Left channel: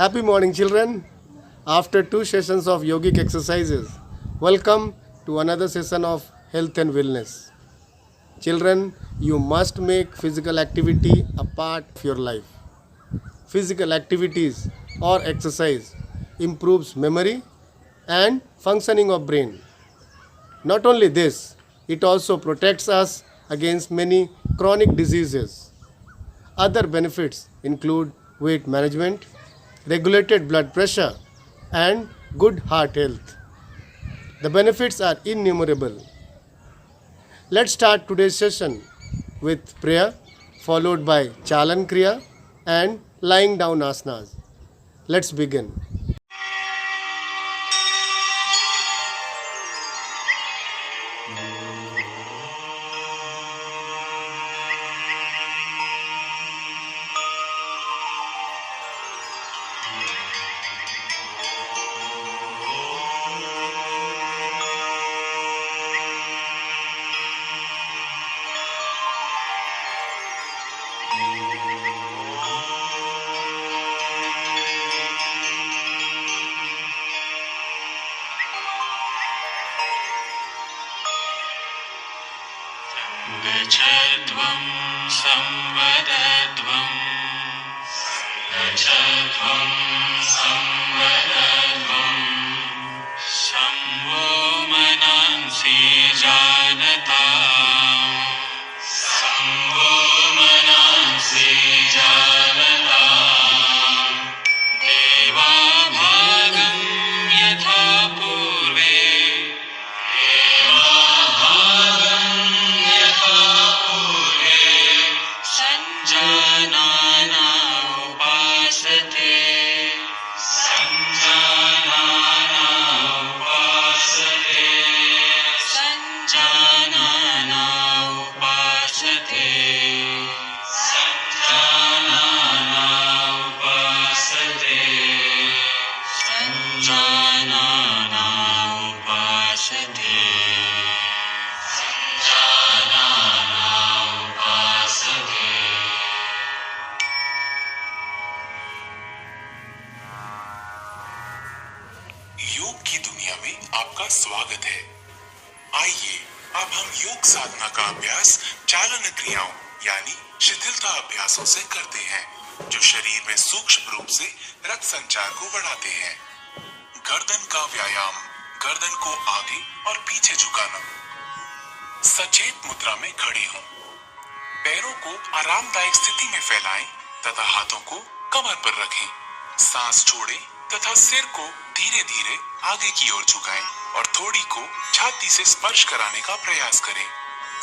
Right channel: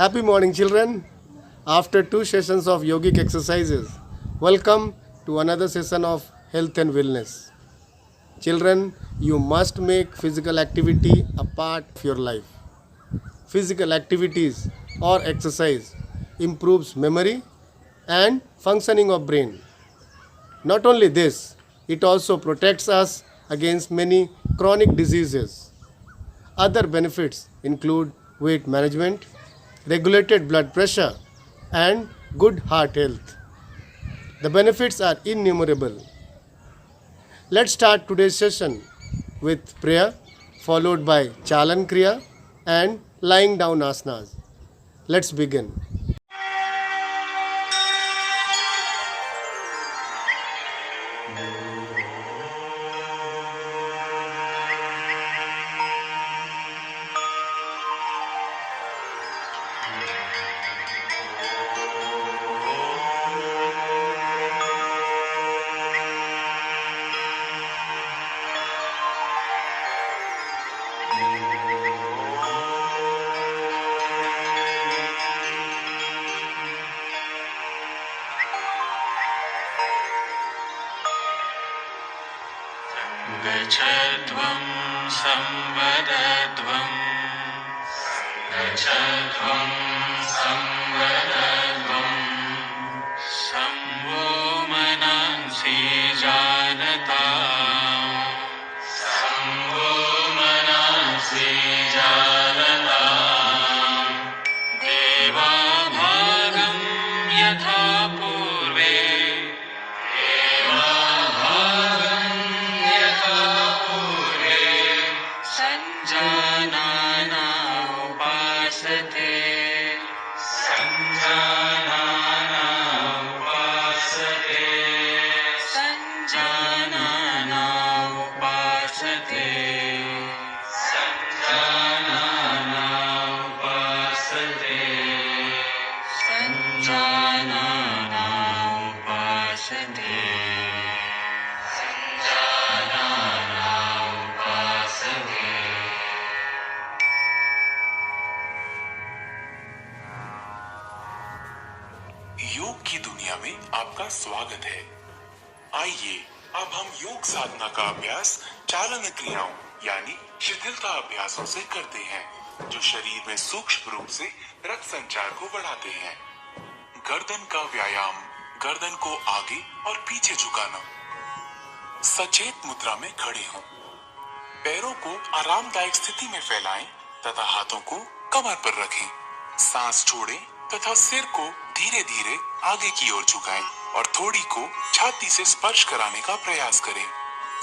Happy morning, children. After two sessions of yogic exercises, welcome to another session of health and wellness. Children, you must make physical activity a part of your life. Physical activities or exercise improves memory and functioning of brain. Not only this, it also protects us against many chronic diseases. Other benefits include weight management, regulated blood pressure, and good heart health. The benefits are innumerable. Let's start today's session with prayer, followed by Chalan Kriya and lying down asanas. Let's begin. गच्छध्वं संवदध्वं गच्छध्वं संवदध्वं Shambho मनांसि जानता शम्भो मनांसि जानता देवा भागं यथा पूर्वे संजानाना उपासते संजानाना उपासते संजानाना उपासते संजानाना उपासते संजानाना उपासते संजानाना उपासते। योग की दुनिया में आपका स्वागत है। आइए अब हम योग साधना का अभ्यास चालन क्रियाओं यानी शिथिलता अभ्यासों से करते हैं, जो शरीर में सूक्ष्म रूप से रक्त संचार को बढ़ाते हैं। गर्दन का व्यायाम, गर्दन को आगे और पीछे झुकाना। सचेत मुद्रा में खड़े हों। पैरों को आरामदायक स्थिति में फैलाएं तथा हाथों को कमर पर रखें। सांस छोड़ें तथा सिर को धीरे धीरे आगे की ओर झुकाएं और थोड़ी को छाती से स्पर्श कराने का प्रयास करें।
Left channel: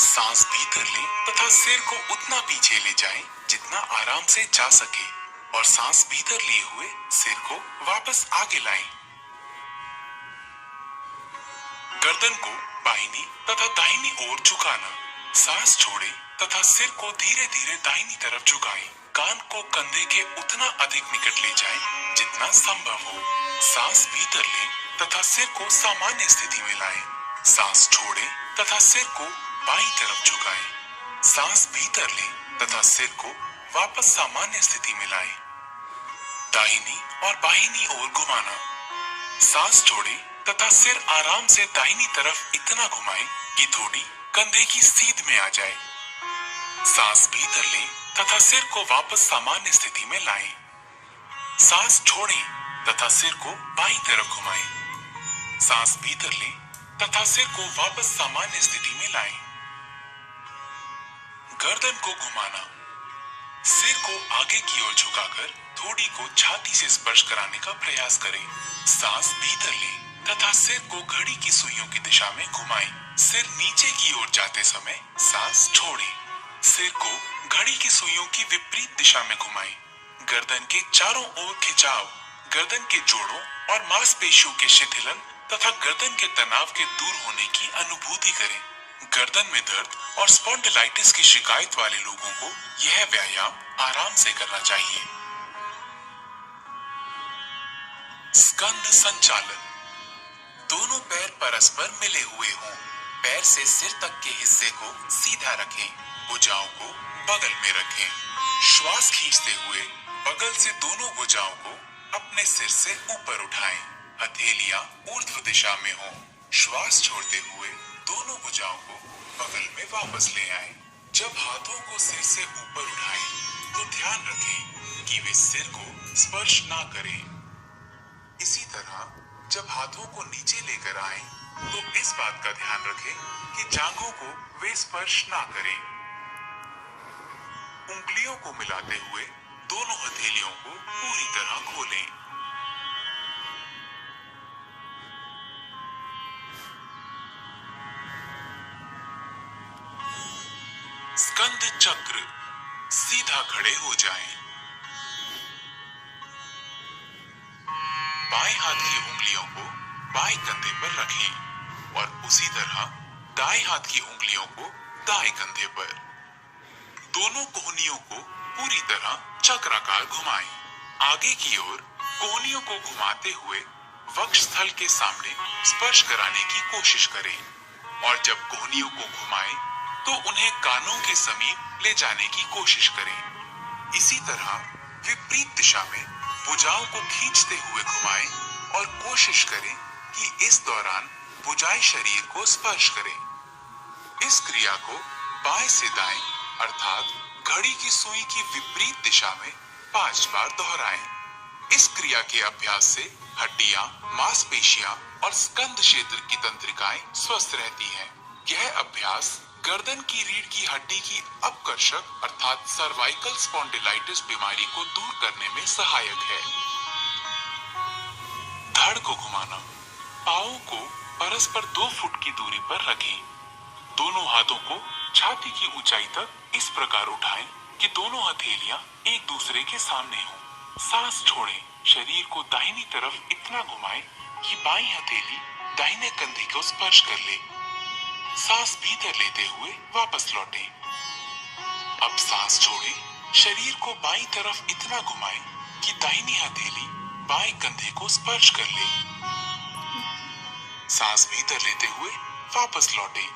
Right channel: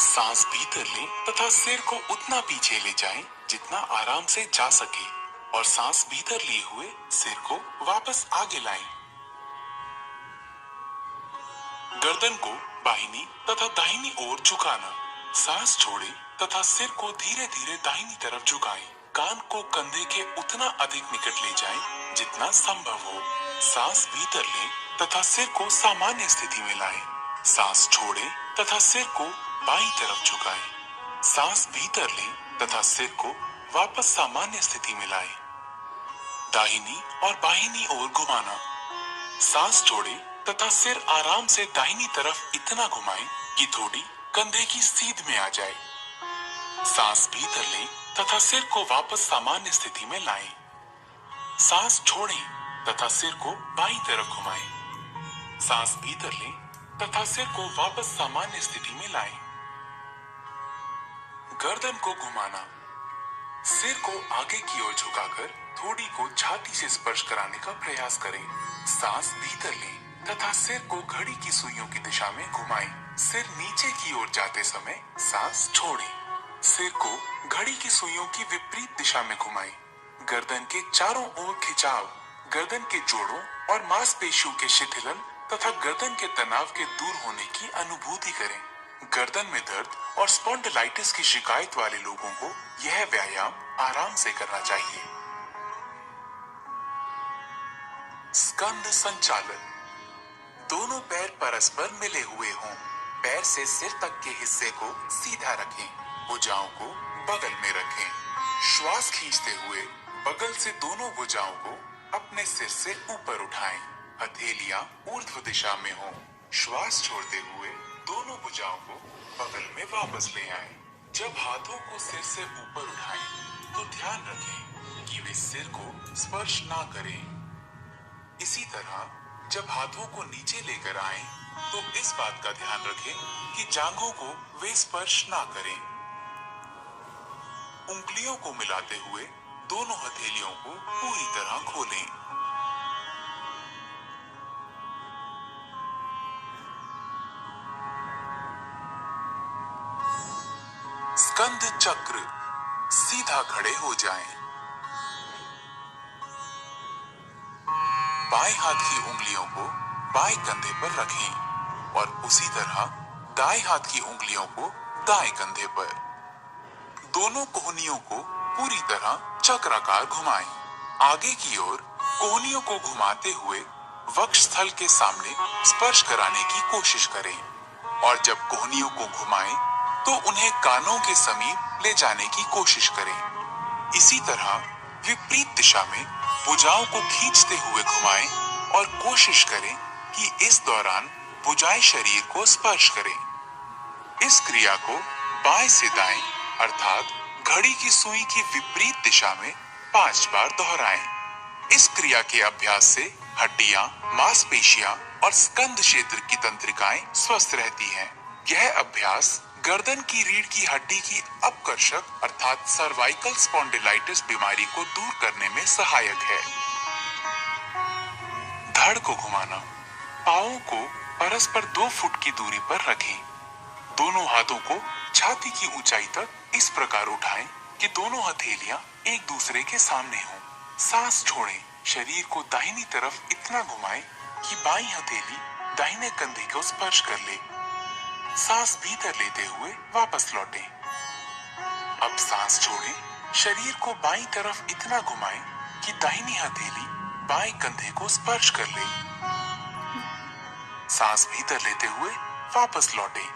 सांस भीतर लें तथा सिर को उतना पीछे ले जाएं जितना आराम से जा सके और सांस भीतर लिए हुए सिर को वापस आगे लाएं। गर्दन को बाहिनी तथा दाहिनी ओर झुकाना। सांस छोड़ें तथा सिर को धीरे धीरे दाहिनी तरफ झुकाएं। कान को कंधे के उतना अधिक निकट ले जाएं जितना संभव हो। सांस भीतर लें तथा सिर को सामान्य स्थिति में लाएं। सांस छोड़ें तथा सिर को बाईं तरफ झुकाएं। सांस भीतर लें तथा सिर को वापस सामान्य स्थिति में लाएं। दाहिनी और बाहिनी ओर घुमाना। सांस छोड़ें तथा सिर आराम से दाहिनी तरफ इतना घुमाएं कि थोड़ी कंधे की सीध में आ जाए। सांस भीतर लें तथा सिर को वापस सामान्य स्थिति में लाएं। सांस छोड़ें तथा सिर को बाईं तरफ घुमाएं। सांस भीतर लें तथा सिर को वापस सामान्य स्थिति में लाएं। गर्दन को घुमाना। सिर को आगे की ओर झुकाकर थोड़ी को छाती से स्पर्श कराने का प्रयास करें। सांस भीतर लें तथा सिर को घड़ी की सुइयों की दिशा में घुमाएं। सिर नीचे की ओर जाते समय सांस छोड़ें। सिर को घड़ी की सुइयों की विपरीत दिशा में घुमाएं। गर्दन के चारों ओर खिंचाव, गर्दन के जोड़ों और मांसपेशियों के शिथिलन तथा गर्दन के तनाव के दूर होने की अनुभूति करें। गर्दन में दर्द और स्पॉन्डिलाइटिस की शिकायत वाले लोगों को यह व्यायाम आराम से करना चाहिए। स्कंद संचालन। दोनों पैर परस्पर मिले हुए हों। पैर से सिर तक के हिस्से को सीधा रखें। भुजाओं को बगल में रखें। श्वास खींचते हुए बगल से दोनों भुजाओं को अपने सिर से ऊपर उठाएं, हथेलियां ऊर्ध्व दिशा में हो। श्वास छोड़ते हुए दोनों भुजाओं को बगल में वापस ले आएं। जब हाथों को सिर से ऊपर उठाएं, तो ध्यान रखें कि वे सिर को स्पर्श ना करें। इसी तरह जब हाथों को नीचे लेकर आएं, तो इस बात का ध्यान रखें कि जांघों को वे स्पर्श ना करें। उंगलियों को मिलाते हुए दोनों हथेलियों को पूरी तरह खोलें। स्कंद चक्र, सीधा खड़े हो जाएं। बाएं हाथ की उंगलियों को बाएं कंधे पर रखें और उसी तरह दाएं हाथ की उंगलियों को दाएं कंधे पर। दोनों कोहनियों को पूरी तरह चक्राकार घुमाएं। आगे की ओर कोहनियों को घुमाते हुए वक्ष स्थल के सामने स्पर्श कराने की कोशिश करें और जब कोहनियों को घुमाएं तो उन्हें कानों के समीप ले जाने की कोशिश करें। इसी तरह विपरीत दिशा में भुजाओं को खींचते हुए घुमाएं और कोशिश करें कि इस दौरान भुजाएं शरीर को स्पर्श करें। इस क्रिया को बाएं से दाएं अर्थात घड़ी की सुई की विपरीत दिशा में 5 बार दोहराएं। इस क्रिया के अभ्यास से हड्डियां, मांसपेशियां और स्कंद क्षेत्र की तंत्रिकाएं स्वस्थ रहती हैं। यह अभ्यास गर्दन की रीढ़ की हड्डी की अपकर्षक अर्थात सर्वाइकल स्पॉन्डिलाइटिस बीमारी को दूर करने में सहायक है। धड़ को घुमाना। पांवों को परस्पर 2 फुट की दूरी पर रखें। दोनों हाथों को छाती की ऊंचाई तक इस प्रकार उठाएं कि दोनों हथेलियां एक दूसरे के सामने हों। सांस छोड़ें। शरीर को दाहिनी तरफ इतना घुमाएं कि बाईं हथेली दाहिने कंधे को स्पर्श कर ले। सांस भीतर लेते हुए वापस लौटें। अब सांस छोड़ें। शरीर को बाईं तरफ इतना घुमाएं कि दाहिनी हथेली बाएं कंधे को स्पर्श कर ले। सांस भीतर लेते हुए वापस लौटें।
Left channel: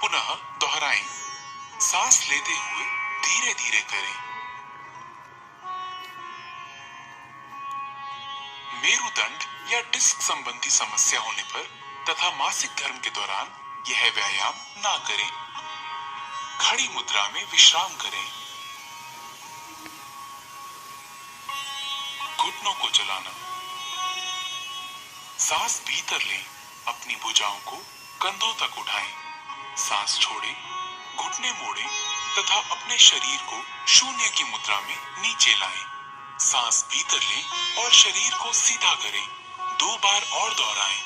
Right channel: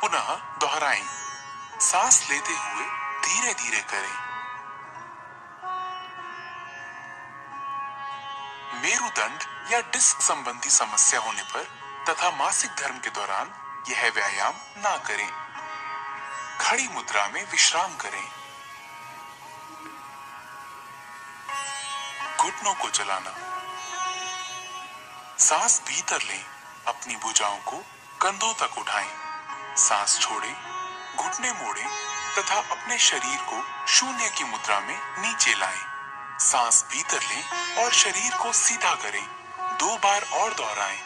पुनः दोहराएं। सांस लेते हुए धीरे धीरे करें। मेरुदंड या डिस्क संबंधी समस्या होने पर तथा मासिक धर्म के दौरान यह व्यायाम ना करें। खड़ी मुद्रा में विश्राम करें। घुटनों को चलाना। सांस भीतर लें। अपनी भुजाओं को कंधों तक उठाएं। सांस छोड़ें, घुटने मोड़ें तथा अपने शरीर को शून्य की मुद्रा में नीचे लाएं। सांस भीतर लें और शरीर को सीधा करें। 2 बार और दोहराएं।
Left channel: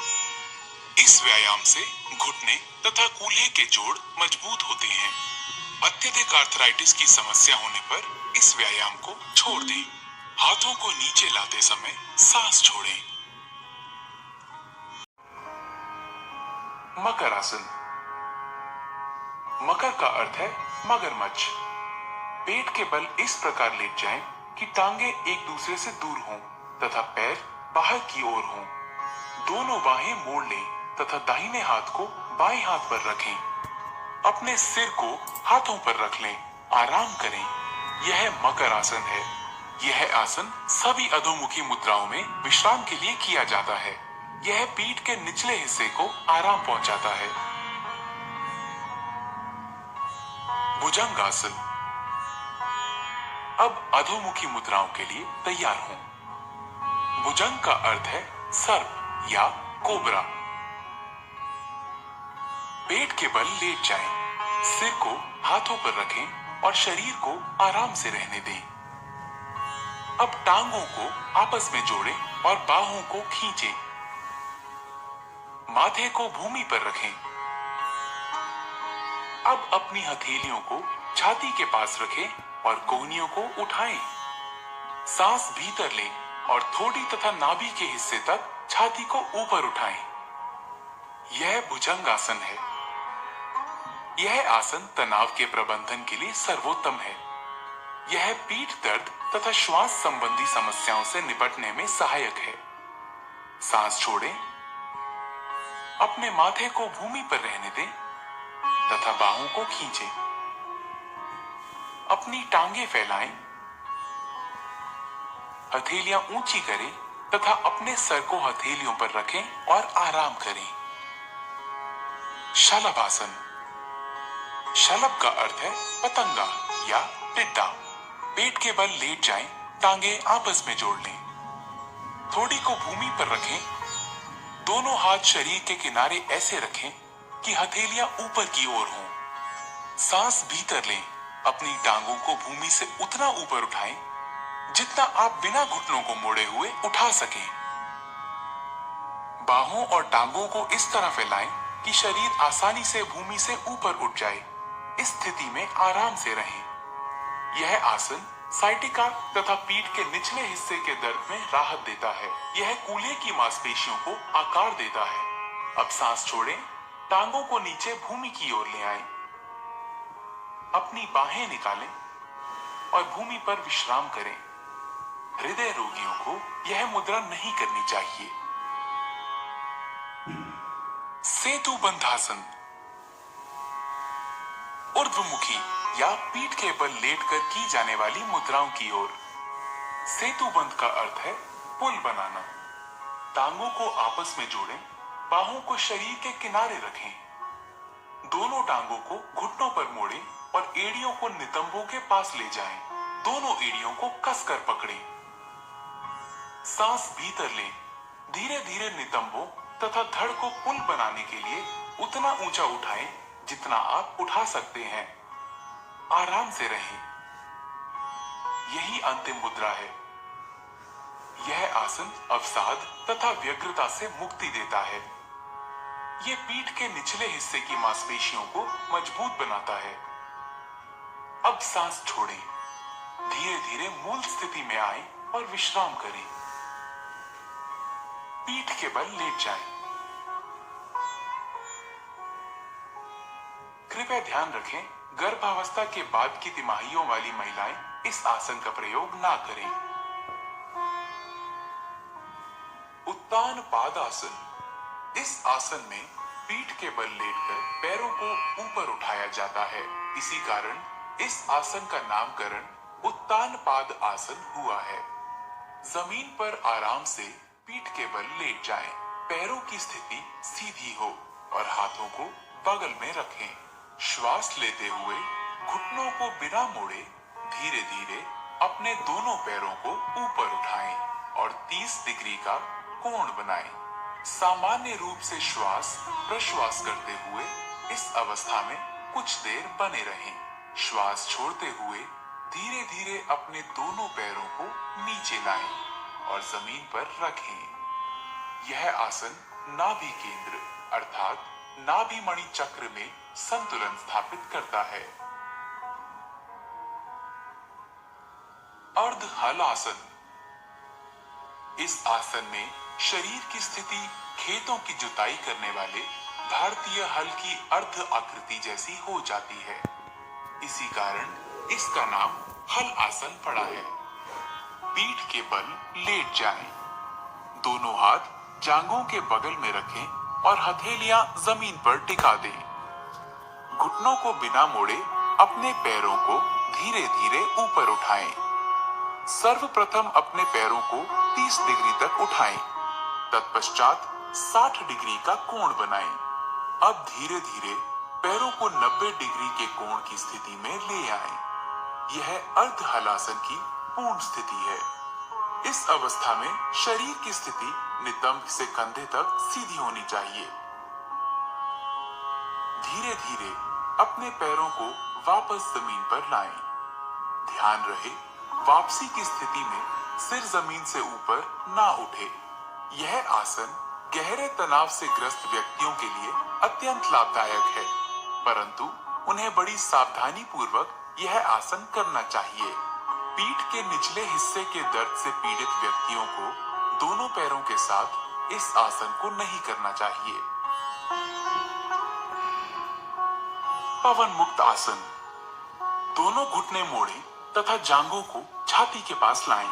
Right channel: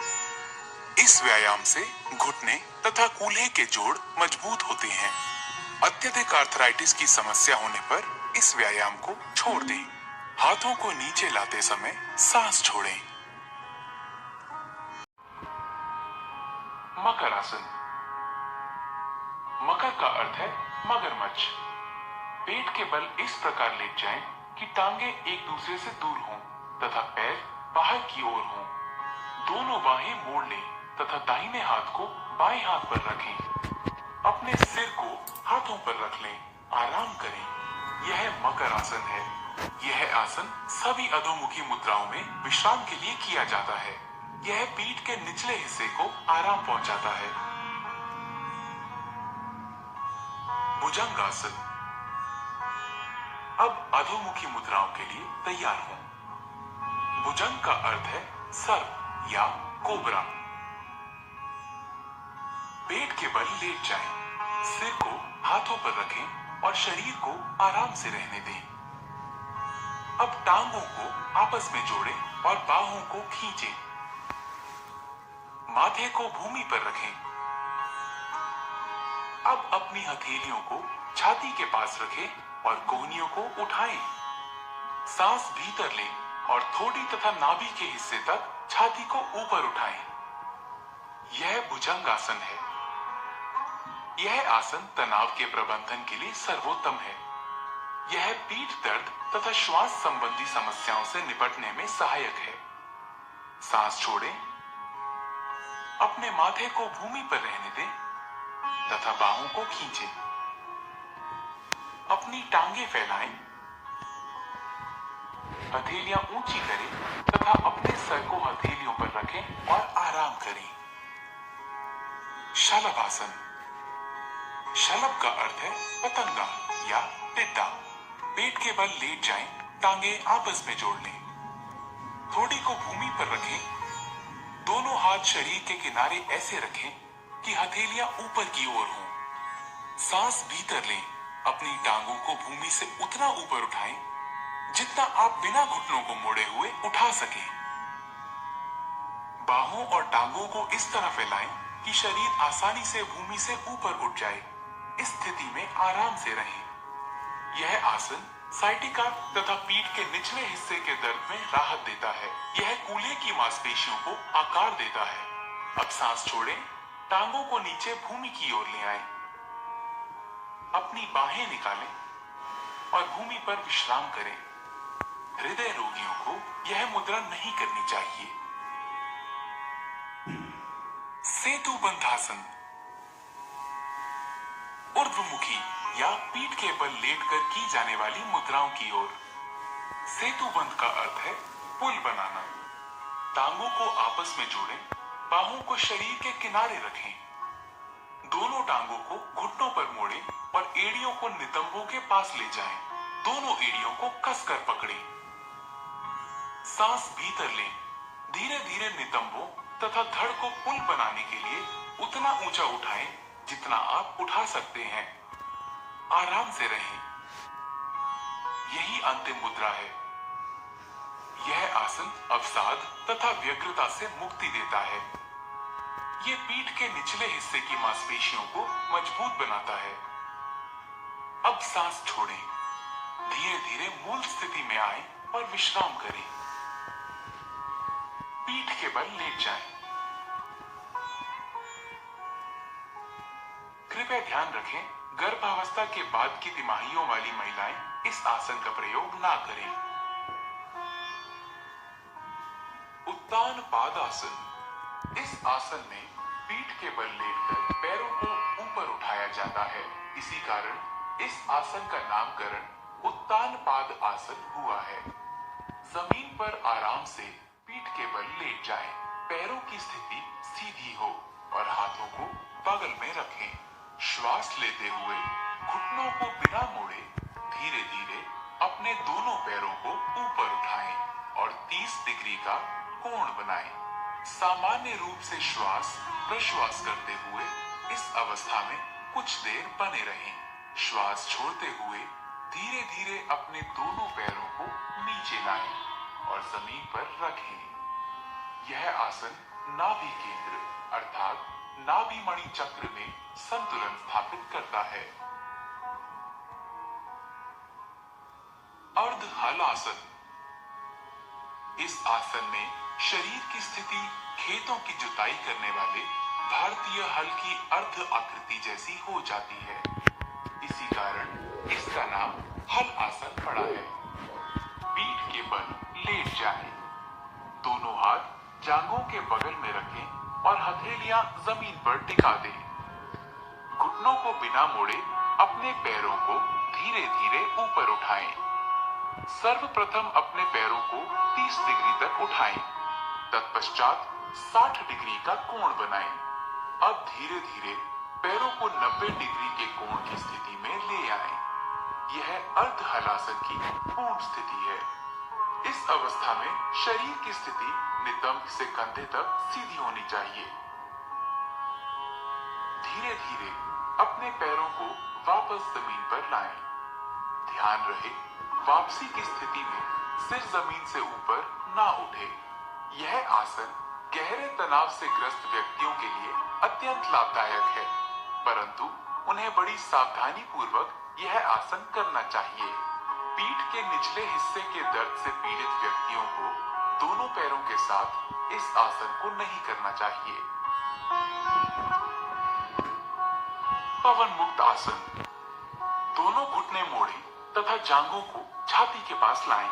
इस व्यायाम से घुटने तथा कूल्हे के जोड़ मजबूत होते हैं। अत्यधिक आर्थराइटिस की समस्या होने पर इस व्यायाम को छोड़ दें। हाथों को नीचे लाते समय सांस छोड़ें। मकर आसन। मकर का अर्थ है मगरमच्छ। पेट के बल इस प्रकार लेट जाएं कि टांगे एक दूसरे से दूर हों तथा पैर बाहर की ओर हों। दोनों बाहें मोड़ लें तथा दाहिने हाथ को बाएं हाथ पर रखें। अपने सिर को हाथों पर रख लें। आराम करें। यह मकर आसन है। यह आसन सभी अधोमुखी मुद्राओं में विश्राम के लिए किया जाता है। यह पीठ के निचले हिस्से को आराम पहुंचाता है। भुजंगासन। अब अधोमुखी मुद्राओं के लिए तैयार हों। भुजंग का अर्थ है सर्प या कोबरा। पेट के बल लेट जाएं। सिर को हाथों पर रखें और शरीर को आराम से रहने दें। अब टांगों को आपस में जोड़ें और बाहों को खींचें। माथे को भूमि पर रखें। अब अपनी हथेलियों को छाती के पास रखें और कोहनियों को उठाएं। सांस भीतर लें और थोड़ी तथा नाभि के हिस्से तक छाती को ऊपर उठाएं। यह भुजंगासन है। यह आसन तनाव के प्रबंधन के लिए सर्वोत्तम है। यह पीठ दर्द तथा श्वास संबंधी समस्याओं से निपटने में सहायक है। सांस छोड़ें। अपने माथे को भूमि पर रहने दें तथा बाहों को खींचें। अपनी टांगे फैलाएं। हथेलियां ऊंची करें तथा अपने सर को हथेलियों पर रखें और आराम करें। शलभ आसन। शलभ का अर्थ है पतंगा या टिड्डा। पेट के बल लेट जाएं, टांगे आपस में जोड़ लें। थोड़ी को भूमि पर रखें। दोनों हाथ शरीर के किनारे ऐसे रखें कि हथेलियां ऊपर की ओर हों। सांस भीतर लें। अपनी टांगों को भूमि से उतना ऊपर उठाएं जितना आप बिना घुटनों को मोड़े हुए उठा सकें। बाहों और टांगों को इस तरह फैलाएं कि शरीर आसानी से भूमि से ऊपर उठ जाए। इस स्थिति में आराम से रहें। यह आसन साइटिका तथा पीठ के निचले हिस्से के दर्द में राहत देता है। यह कूल्हे की मांसपेशियों को आकार देता है। अब सांस छोड़ें, टांगों को नीचे भूमि की ओर ले आएं। अपनी बाहें निकालें और भूमि पर विश्राम करें। हृदय रोगियों को यह मुद्रा नहीं करनी चाहिए। सेतु बंधासन। ऊर्ध्वमुखी या पीठ के बल लेटकर की जाने वाली मुद्राओं की ओर। सेतु बंध का अर्थ है पुल बनाना। टांगों को आपस में जोड़ें, बाहों को शरीर के किनारे रखें। दोनों टांगों को घुटनों पर मोड़ें और एड़ियों को नितंबों के पास ले जाएं। दोनों एड़ियों को कसकर पकड़ें। सांस भीतर लें। धीरे धीरे नितंबों तथा धड़ को पुल बनाने के लिए उतना ऊंचा उठाएं जितना आप उठा सकते हैं। आराम से रहें। यही अंतिम मुद्रा है। यह आसन अवसाद तथा व्यग्रता से मुक्ति देता है। ये पीठ के निचले हिस्से की मांसपेशियों को मजबूत बनाता है। अब सांस छोड़ें। धीरे धीरे मूल स्थिति में आएं और विश्राम करें। पीठ के बल लेट जाएं। कृपया ध्यान रखें, गर्भावस्था के बाद की तिमाहियों वाली महिलाएं इस आसन का प्रयोग ना करें। उत्तान पादासन। इस आसन में पीठ के बल लेटकर पैरों को ऊपर उठाया जाता है। इसी कारण इस आसन का नामकरण उत्तान पाद आसन हुआ है। जमीन पर आराम से पीठ के बल लेट जाएं। पैरों की स्थिति सीधी हो और हाथों को बगल में रखें। श्वास लेते हुए घुटनों को बिना मोड़े धीरे धीरे अपने दोनों पैरों को ऊपर उठाएं और 30 डिग्री का कोण बनाएं। सामान्य रूप से श्वास प्रश्वास करते हुए इस अवस्था में कुछ देर बने रहें। श्वास छोड़ते हुए धीरे धीरे अपने दोनों पैरों को नीचे लाएं और जमीन पर रखें। यह आसन नाभि केंद्र अर्थात नाभि मणि चक्र में संतुलन स्थापित करता है। अर्ध हलासन। इस आसन में शरीर की स्थिति खेतों की जुताई करने वाले भारतीय हल की अर्ध आकृति जैसी हो जाती है। इसी कारण इसका नाम हल आसन पड़ा है। पीठ के बल लेट जाएं। दोनों हाथ जांघों के बगल में रखें और हथेलियां जमीन पर टिका दें। घुटनों को बिना मोड़े अपने पैरों को धीरे धीरे ऊपर उठाएं। सर्वप्रथम अपने पैरों को 30 डिग्री तक उठाएं। तत्पश्चात 60 डिग्री का कोण बनाएं। अब धीरे धीरे पैरों को 90 डिग्री के कोण की स्थिति में ले आएं। यह अर्ध हलासन की पूर्ण स्थिति है। इस अवस्था में शरीर की स्थिति नितंब से कंधे तक सीधी होनी चाहिए। धीरे धीरे अपने पैरों को वापस जमीन पर लाएं। ध्यान रहे वापसी की स्थिति में सिर जमीन से ऊपर ना उठे। यह आसन गहरे तनाव से ग्रस्त व्यक्तियों के लिए अत्यंत लाभदायक है, परंतु उन्हें बड़ी सावधानी पूर्वक यह आसन करना चाहिए। पीठ के निचले हिस्से के दर्द से पीड़ित व्यक्तियों को दोनों पैरों के साथ इस आसन को नहीं करना चाहिए। पवन मुक्त आसन। दोनों घुटने मोड़ें तथा जांघों को छाती के पास लाएं।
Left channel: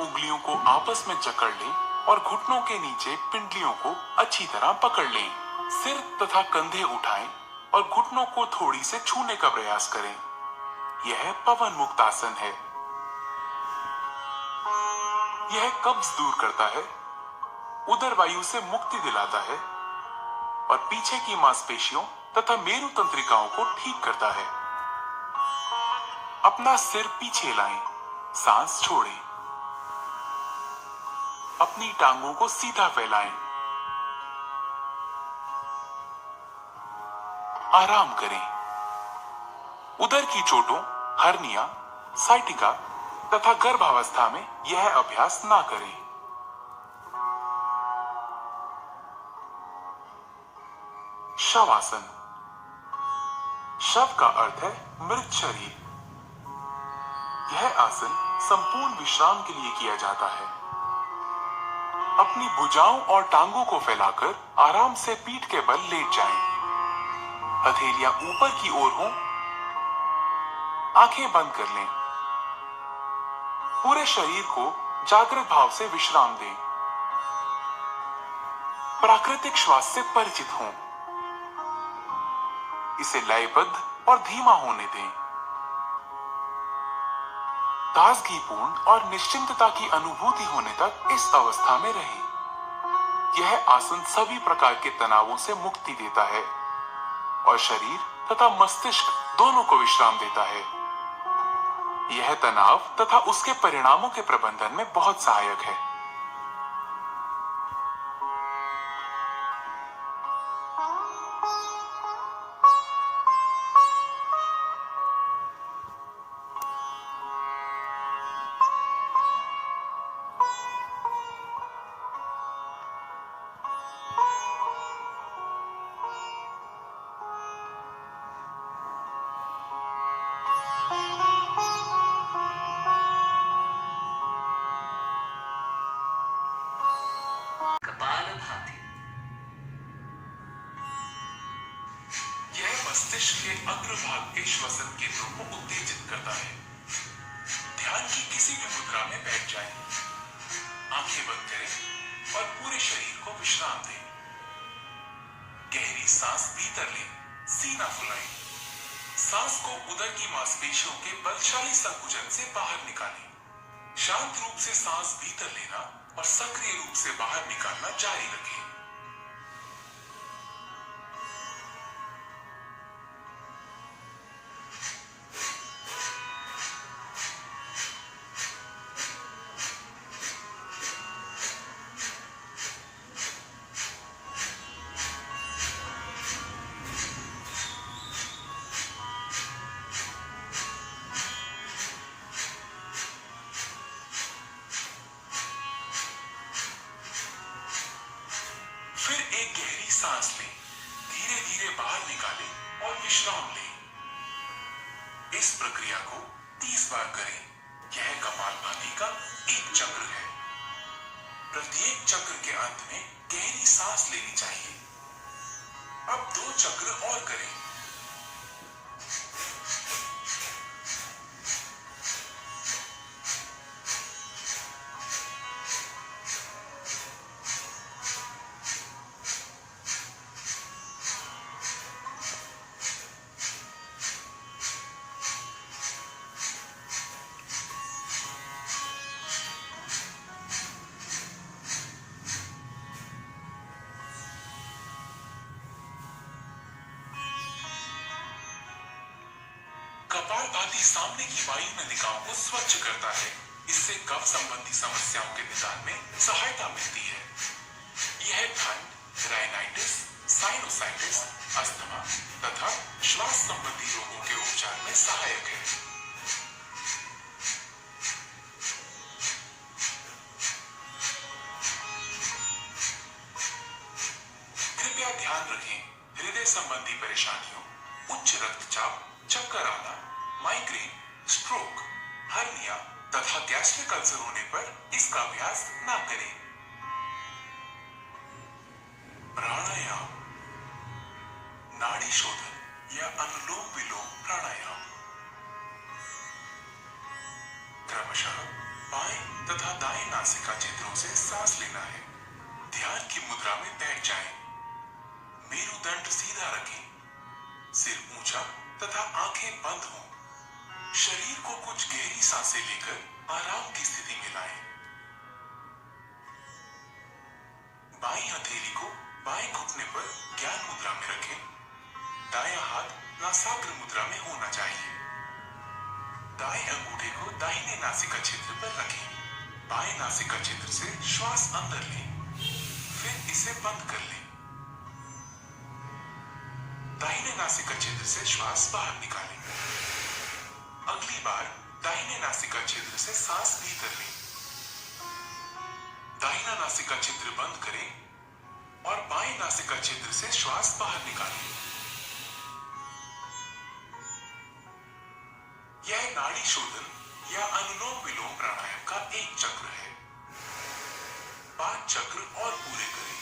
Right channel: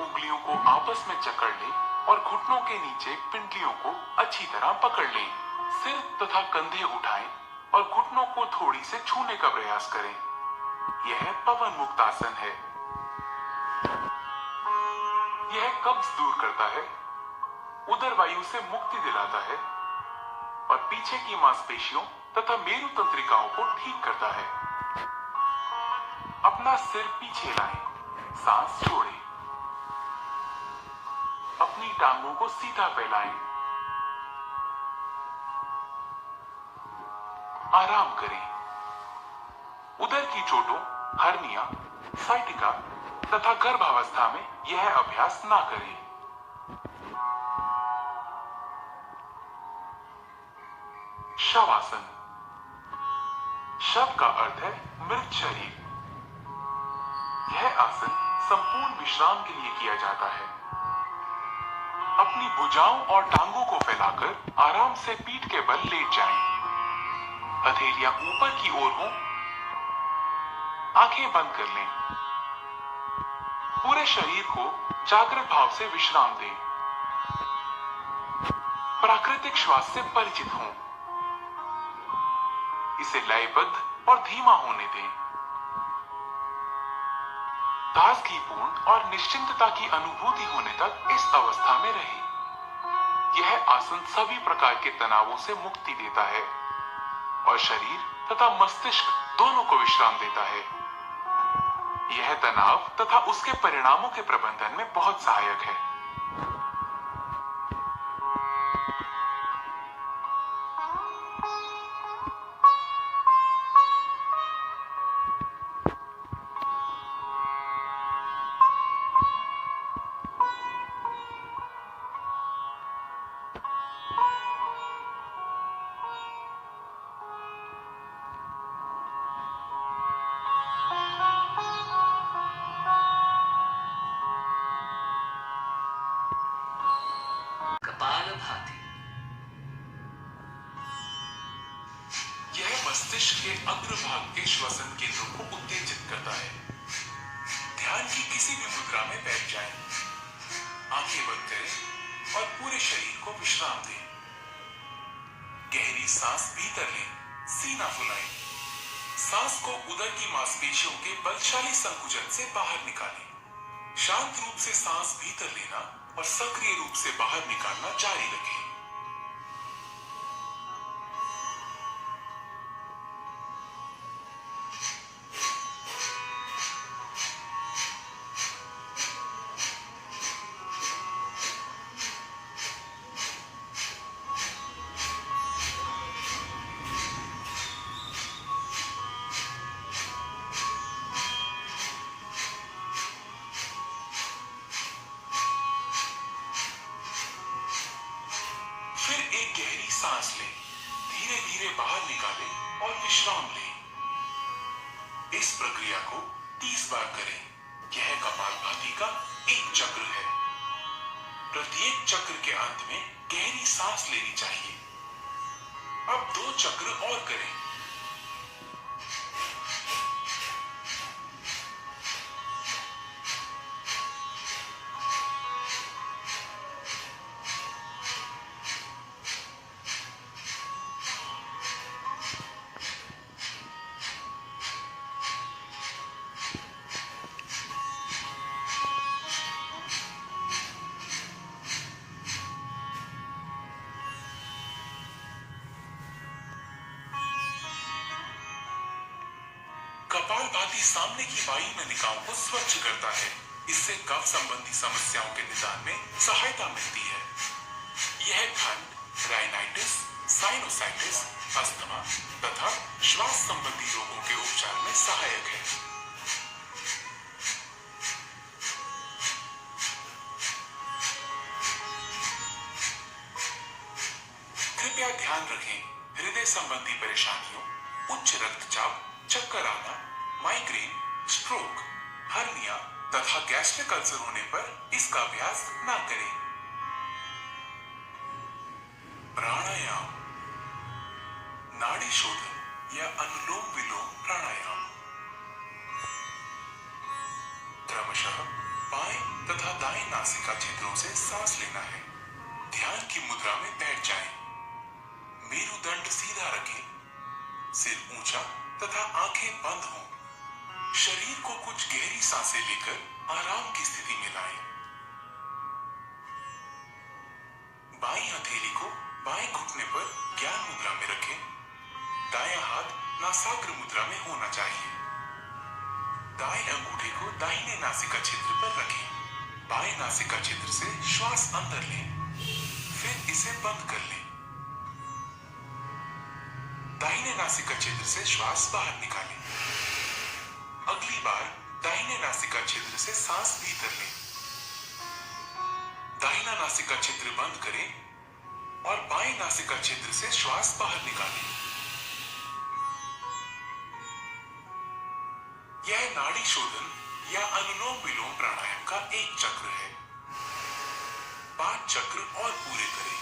उंगलियों को आपस में जकड़ लें और घुटनों के नीचे पिंडलियों को अच्छी तरह पकड़ लें। सिर तथा कंधे उठाएं और घुटनों को थोड़ी से छूने का प्रयास करें। यह पवन मुक्त आसन है। यह कब्ज दूर करता है, उदर वायु से मुक्ति दिलाता है और पीछे की मांसपेशियों तथा मेरु तंत्रिकाओं को ठीक करता है। अपना सिर पीछे लाएं, सांस छोड़ें, अपनी टांगों को सीधा फैलाएं, आराम करें। उदर की चोटों, हर्निया, साइटिका तथा गर्भावस्था में यह अभ्यास ना करें। शवासन। शव का अर्थ है मृत शरीर। यह आसन संपूर्ण विश्राम के लिए किया जाता है। अपनी भुजाओं और टांगों को फैलाकर आराम से पीठ के बल लेट जाएं। हथेलियां ऊपर की ओर हों, आंखें बंद कर लें। पूरे शरीर को जागृत भाव से विश्राम दें। प्राकृतिक श्वास से परिचित हों। इसे लयबद्ध और धीमा होने दें। ताजगीपूर्ण और निश्चिंतता की अनुभूति होने तक इस अवस्था में रहें। यह आसन सभी प्रकार के तनावों से मुक्ति देता है और शरीर तथा मस्तिष्क दोनों को विश्राम देता है। यह तनाव तथा उसके परिणामों के प्रबंधन में बहुत सहायक है। कपालभाति। यह मस्तिष्क के अग्रभाग के श्वसन केंद्रों को उत्तेजित करता है। ध्यान की किसी भी मुद्रा में बैठ जाएं, आंखें बंद करें और पूरे शरीर को विश्राम दें। गहरी सांस भीतर लें, सीना फुलाएं। सांस को उदर की मांसपेशियों के बलशाली संकुचन से बाहर निकालें। शांत रूप से सांस भीतर लेना और सक्रिय रूप से बाहर निकालना जारी रखें। फिर एक गहरी सांस लें, धीरे धीरे बाहर निकालें और विश्राम लें। इस प्रक्रिया को 30 बार करें। यह कपालभाति का एक चक्र है। प्रत्येक चक्र के अंत में गहरी सांस लेनी चाहिए। अब 2 चक्र और करें। कपालभाति सामने की वायु नलिकाओं को स्वच्छ करता है। इससे कफ संबंधी समस्याओं के निदान में सहायता मिलती है। यह ठंड, राइनाइटिस, साइनोसाइटिस, अस्थमा तथा श्वास संबंधी रोगों के उपचार में सहायक है। कृपया ध्यान रखें, हृदय संबंधी परेशानियों, उच्च रक्तचाप, चक्कर आना, माइग्रेन, स्ट्रोक, हर्निया तथा गैस्ट्रिक अल्सर होने पर इसका अभ्यास ना करें। प्राणायाम, नाड़ी शोधन या अनुलोम विलोम प्राणायाम। क्रमशः बाएं तथा दाएं नासिका छिद्रों से सांस लेना है। ध्यान की मुद्रा में बैठ जाएं। मेरुदंड सीधा रखें, सिर ऊंचा तथा आंखें बंद हों। शरीर को कुछ गहरी सांसें लेकर आराम की स्थिति में लाएं। बाईं हथेली को बाएं घुटने पर ज्ञान मुद्रा में रखें। दायां हाथ नासाग्र मुद्रा में होना चाहिए। दाएं अंगूठे को दाहिने नासिका छिद्र पर रखें। बाएं नासिका छिद्र से श्वास अंदर लें, फिर इसे बंद कर लें। दाहिने नासिका छिद्र से श्वास बाहर निकालें। अगली बार दाहिने नासिका छिद्र से सांस भीतर लें। दाहिना नासिका छिद्र बंद करें और बाएं नासिका छिद्र से श्वास बाहर निकालें। यह नाड़ी शोधन या अनुलोम विलोम प्राणायाम का एक चक्र है। 5 चक्र और पूरे करें।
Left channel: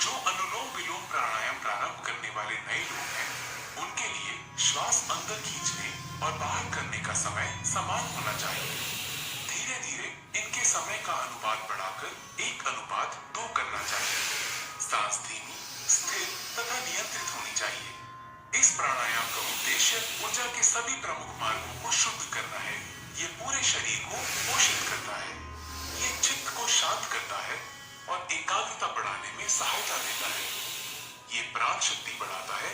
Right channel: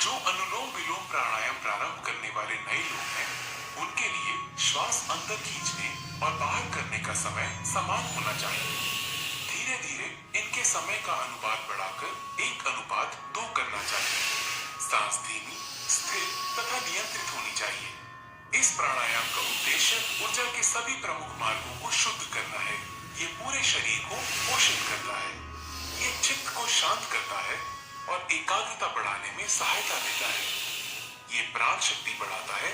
जो अनुलोम विलोम प्राणायाम प्रारंभ करने वाले नए लोग हैं, उनके लिए श्वास अंदर खींचने और बाहर करने का समय समान होना चाहिए। धीरे धीरे इनके समय का अनुपात बढ़ाकर 1:2 करना चाहिए। सांस धीमी, स्थिर तथा नियंत्रित होनी चाहिए। इस प्राणायाम का उद्देश्य ऊर्जा के सभी प्रमुख मार्गों को शुद्ध करना है। ये पूरे शरीर को पोषित करता है। ये चित्त को शांत करता है और एकाग्रता बढ़ाने में सहायता देता है। ये प्राण शक्ति बढ़ाता है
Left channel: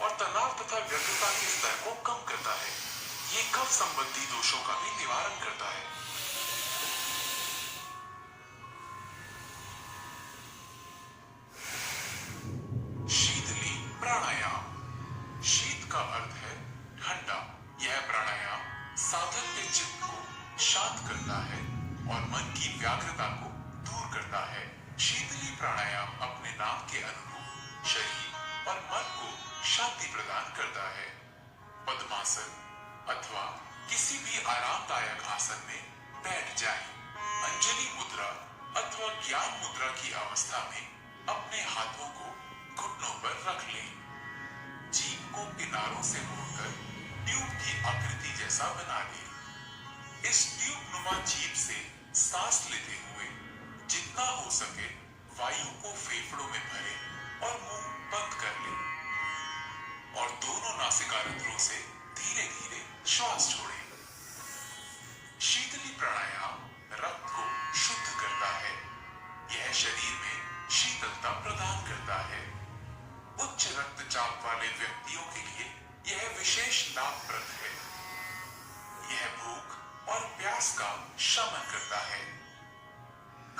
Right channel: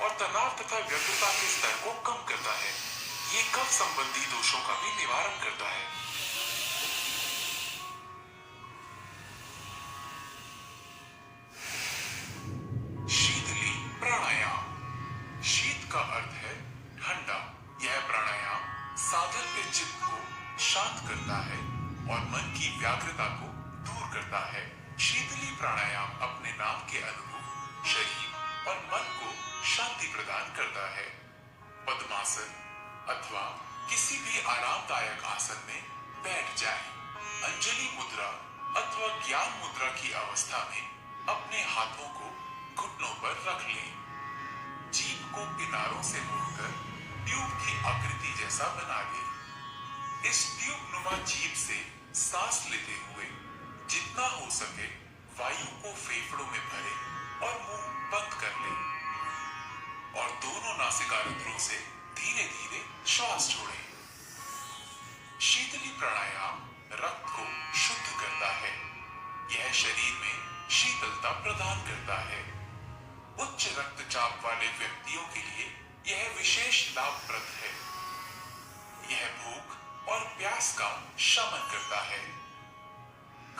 और तनाव तथा व्यग्रता के स्तर को कम करता है। ये कफ संबंधी दोषों का भी निवारण करता है। शीतली प्राणायाम। शीत का अर्थ है ठंडा। यह प्राणायाम साधक के चित्त को शांत करता है और मन की व्यग्रता को दूर करता है। शीतली प्राणायाम अपने नाम के अनुरूप शरीर और मन को शांति प्रदान करता है। पद्मासन अथवा किसी भी आरामदायक आसन में बैठ जाएं। अंजलि मुद्रा अथवा ज्ञान मुद्रा की अवस्था में अपने हाथों को घुटनों पर रख लें। जीभ को किनारों से मोड़कर ट्यूब की आकृति जैसा बना लें। इस ट्यूब नुमा जीभ से सांस लेते हुए जितना हो सके वायु को फेफड़ों में भरें और मुंह बंद कर लें और दोनों नासिकारंध्रों से धीरे धीरे श्वास छोड़ें। शीतली प्राणायाम रक्त को शुद्ध करता है। यह शरीर में शीतलता प्रदान करता है। उच्च रक्तचाप वाले व्यक्तियों के लिए यह विशेष लाभप्रद है। यह भूख और प्यास का शमन करता है।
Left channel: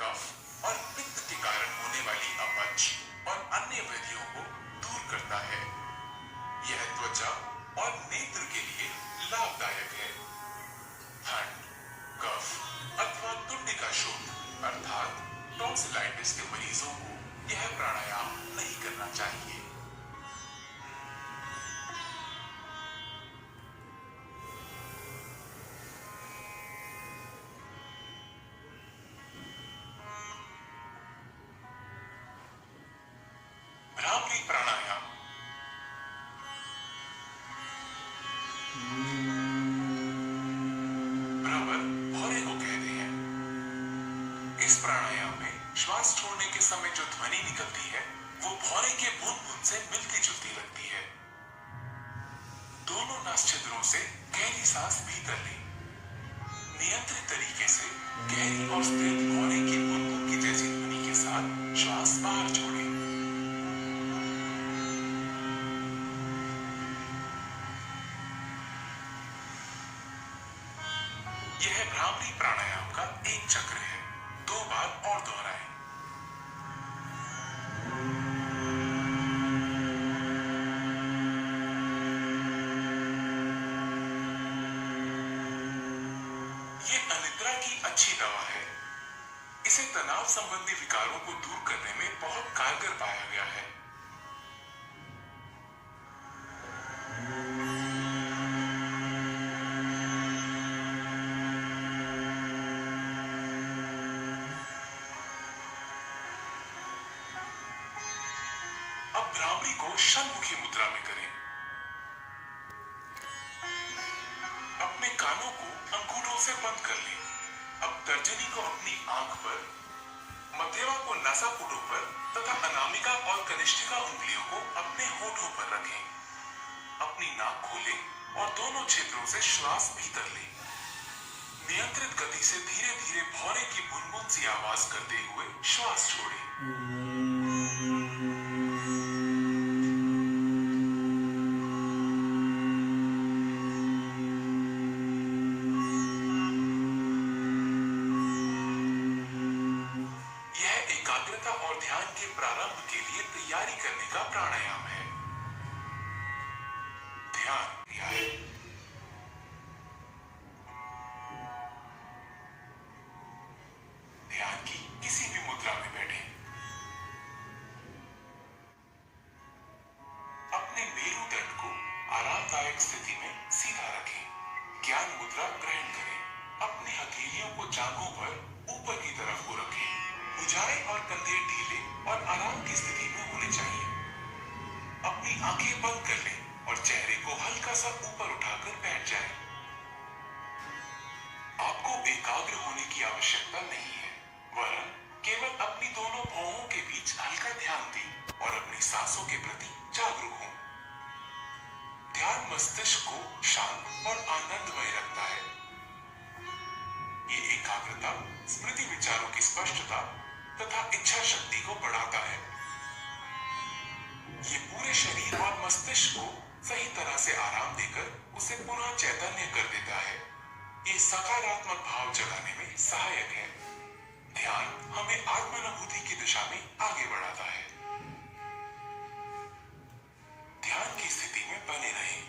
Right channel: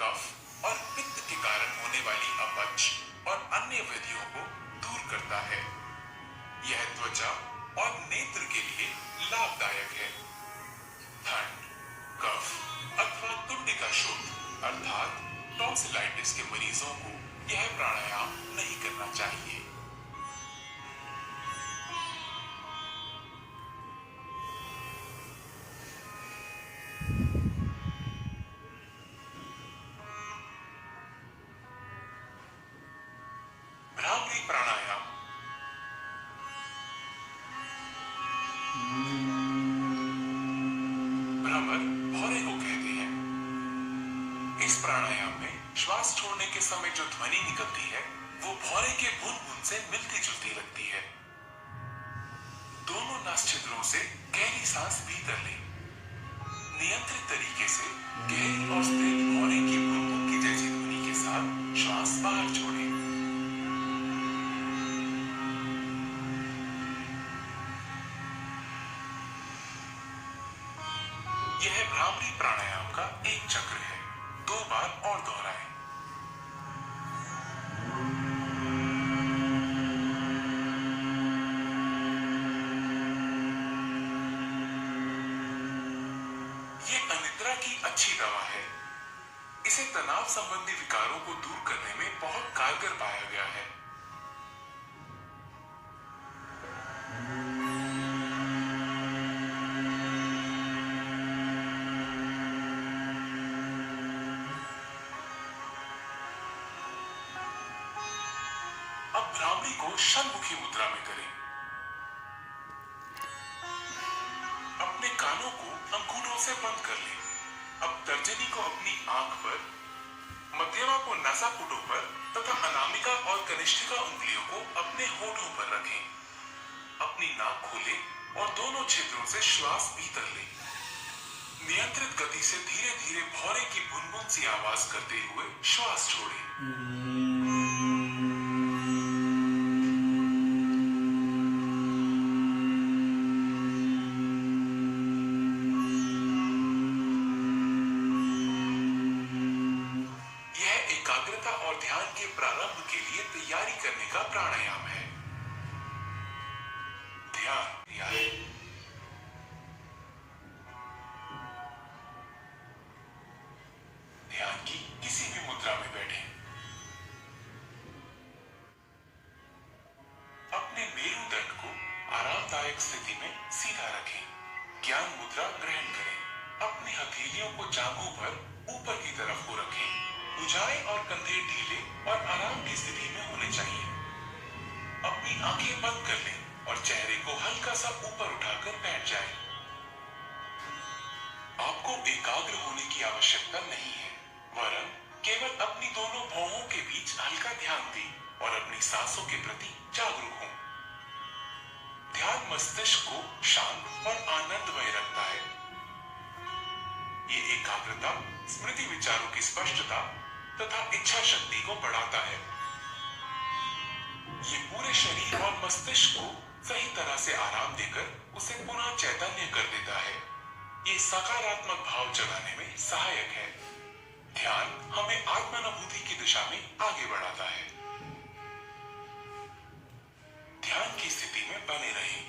कफ और पित्त के कारण होने वाली अपच और अन्य व्याधियों को दूर करता है। यह त्वचा और नेत्र के लिए लाभदायक है। ठंड, कफ अथवा तुंडिका शोथ अर्थात टॉन्सिलाइटिस के मरीजों को यह प्राणायाम नहीं करना चाहिए। भ्रामरी प्राणायाम। भ्रमर भौरे को कहते हैं। इस प्राणायाम में श्वास छोड़ने के समय जो ध्वनि निकलती है वो भौरे के बुन से मिलती जुलती लगती है। दोनों नासछिद्रों से गहरी सांस भीतर लें। नियंत्रित तरीके से गहरी और स्थिर भौरे की बुन की जैसी ध्वनि के साथ श्वास बाहर छोड़ें। यह भ्रामरी प्राणायाम का एक चक्र है। 2 बार और दोहराएं। ये अनिद्रा की अच्छी दवा है। इसे तनाव संबंधी विकारों को दूर करने में बहुत कारगर पाया गया है। अब भ्रामरी को षणमुखी मुद्रा में करें। अपने कानों को अंगूठों से बंद कर लें। अब तर्जनी को अपनी आंख पर, मध्यमा को नासापुटों पर तथा अनामिका और कनिष्ठिका उंगलियों को अपने होठों पर रखें। अपनी नाक खोलें और दोनों क्षेत्रों से श्वास भीतर लें। नियंत्रित गति से धीरे धीरे भौरे की बुनबुन सी आवाज करते हुए श्वास छोड़ें। यह एकाग्रता और ध्यान के प्रारंभ के लिए तैयारी करने का प्राणायाम है। ध्यान क्रियाएं। ध्यान की किसी भी मुद्रा में बैठें। अपने मेरुदंड को आरामदायक स्थिति में सीधा रखें। ज्ञान मुद्रा ग्रहण करें। अपनी हथेलियों को जांघों पर ऊपर की तरफ को रखें। भुजाएं और कंधे ढीले और आराम की स्थिति में होने चाहिए। अपनी आंखें बंद कर लें और चेहरे को हल्का सा ऊपर उठाकर बैठ जाएं। आपको एकाग्र होने की आवश्यकता नहीं है, वरन केवल अपनी दोनों भौहों के बीच हल्का ध्यान दें और अपनी सांसों के प्रति जागरूक हों। ध्यान मस्तिष्क को शांत और आनंदमय रखता है। ये एकाग्रता स्मृति विचारों की स्पष्टता तथा इच्छा शक्ति को बढ़ाता है। ये पूरे शरीर और मस्तिष्क को सही तरह से आराम देकर उसे पुनः चैतन्य कर देता है। ये सकारात्मक भाव जगाने में सहायक है। ध्यान हमें आत्मानुभूति की दिशा में आगे बढ़ाता है। ध्यान की स्थिति में बने रहें।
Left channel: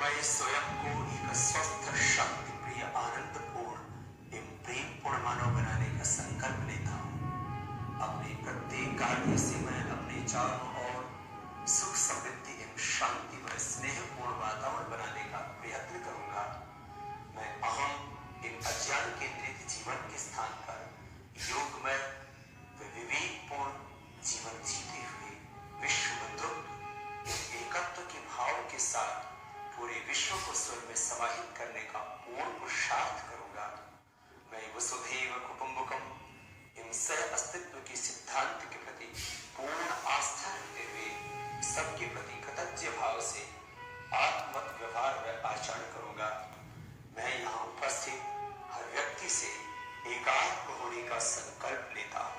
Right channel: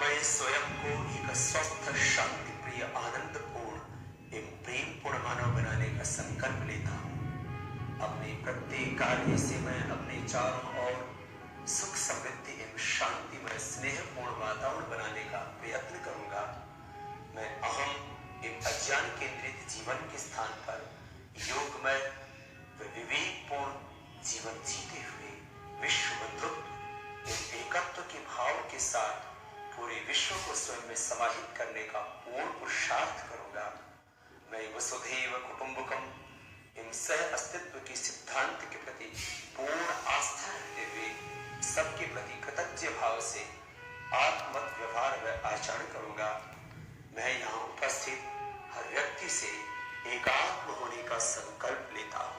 मैं स्वयं को एक स्वस्थ शांति प्रिय आनंदपूर्ण एवं प्रेमपूर्ण मानव बनाने का संकल्प लेता हूँ। अपने प्रत्येक कार्य से मैं अपने चारों ओर सुख समृद्धि एवं शांति व स्नेहपूर्ण वातावरण बनाने का प्रयत्न करूंगा। मैं अहम एवं अज्ञान केंद्रित जीवन के स्थान पर योगमय व विवेकपूर्ण जीवन जीते हुए विश्व बंधुत्व एवं एकत्व के भाव के साथ पूरे विश्व को स्वयं में समाहित करने का पूर्ण पुरुषार्थ करूंगा। मैं वसुधैव कुटुंबकम इन सह अस्तित्व के सिद्धांत के प्रति पूर्ण आस्था रखते हुए सबके प्रति कृतज्ञ भाव से आत्मक व्यवहार व आचरण करूंगा। मैं यहाँ उपस्थित हर व्यक्ति से एकात्म होने का संकल्प लेता हूँ।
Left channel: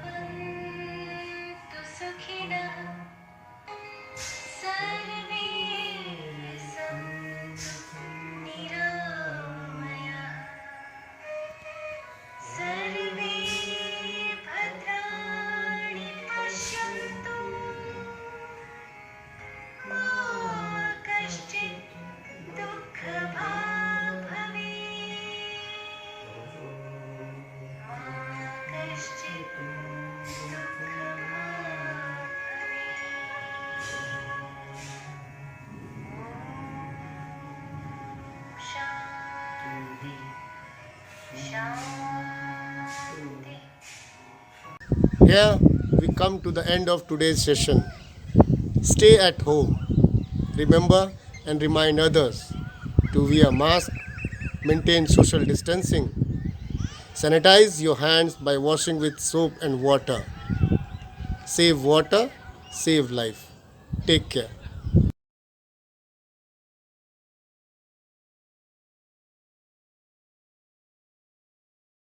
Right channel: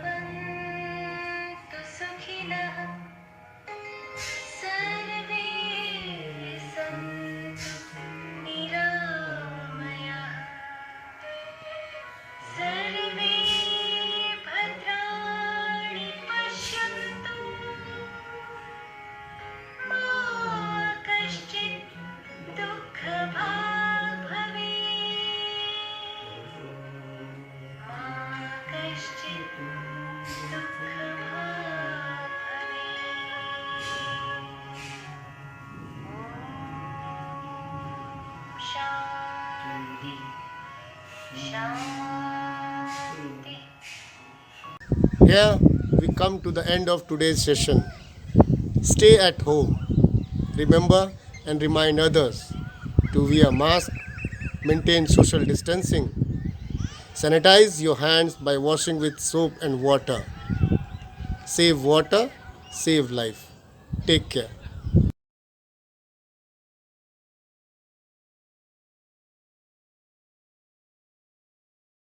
भवन्तु सुखिनः सर्वे सन्तु निरामयाः सर्वे भद्राणि पश्यन्तु मा कश्चित् दुःखभाग् भवेत् मा कश्चित् दुःखभाग् भवेत्। शान्ति शान्ति। Here we come to the end of today's session. Stay at home. Remember and remind others to wear mask, maintain social distancing, sanitize your hands by washing with soap and water. Save water, save life. Take care.